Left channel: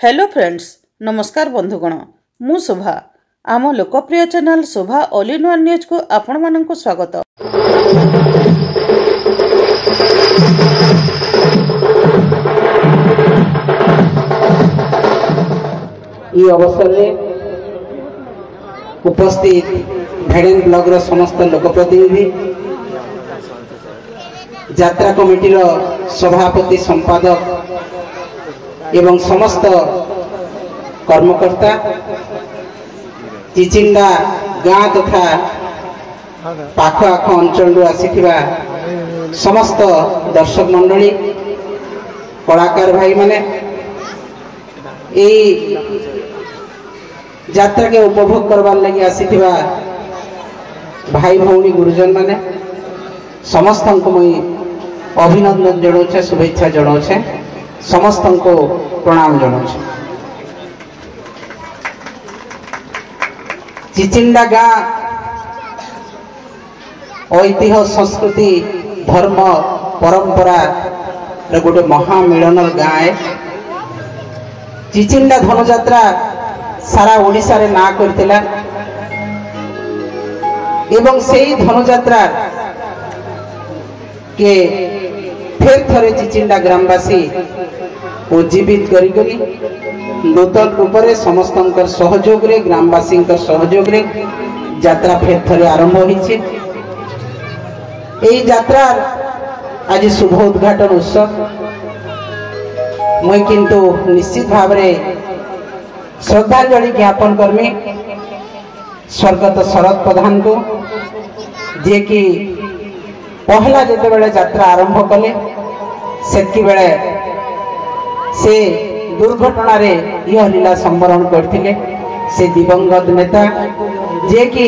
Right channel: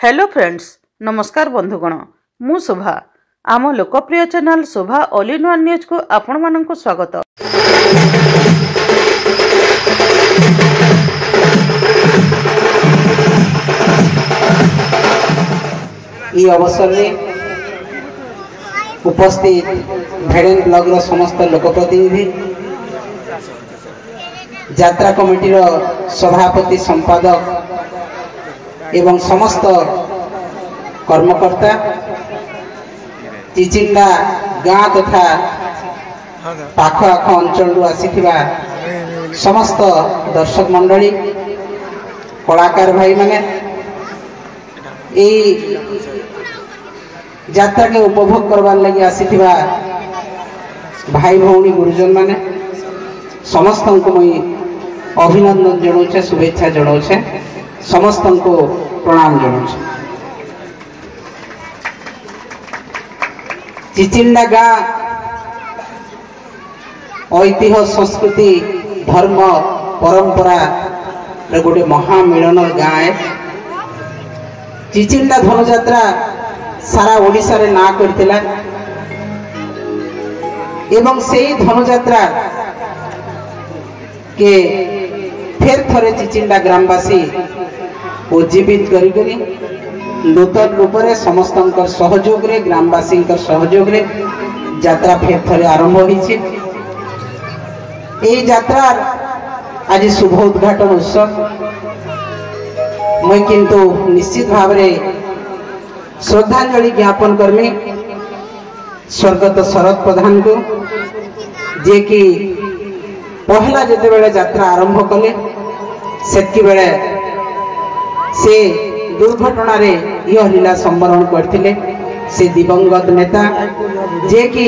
Hello friends, नमस्कार बंधुगण। मु शोभा आम लोकप्रिय channel Shobha all in one news को आपण मानक स्वागत। ई अवसर में उपस्थित भेड़ेन ब्लॉग समस्त लोकप्रतिनिधि, यात्रा कमिटी सभापति संपादक एवं समस्त कर्मकर्ता, चिचिंडा गाँ तथा पाख आख अंचल आसीथिबा समस्त दर्शक मंडली, कलाकार भाई मैंने यात्रा के उपभोग करवार लगी आसीथिबा भाई भौणी गुरुजन माने समस्त को मुई अभिनंदन जनाऊे, शुभेच्छा जनाऊे, समस्त को प्रणाम जनाऊे। चिचिंडा गाँ ऐतिह्य संस्कृति धर्म परंपरा गोटे महामिलन गाँ है। चिचिंडा धनुजात्रा सारा ओडिशा रे ना करथिला एवं सेही धनुजात्रा के फिर थरे चिचिंडा ग्रामवासी उज्जीवित करी नूतन रूप से समस्त सहयोग रे ग्रामवासी सहयोग रे यात्रा फिर थरे आरंभ होइछि। एई यात्रा आज शुभ उद्घाटन उत्सव मैं किंतु निश्चित भाव में श्रद्धांजलि ज्ञापन करमी स्वर्गत शरद प्रधान को, जे कि पहला जिते बेले यात्रा आरंभ कले सेतकी बेले से दुर्घटना रे यह लीला संवरण करथिले। से दिवंगत नेता जे कि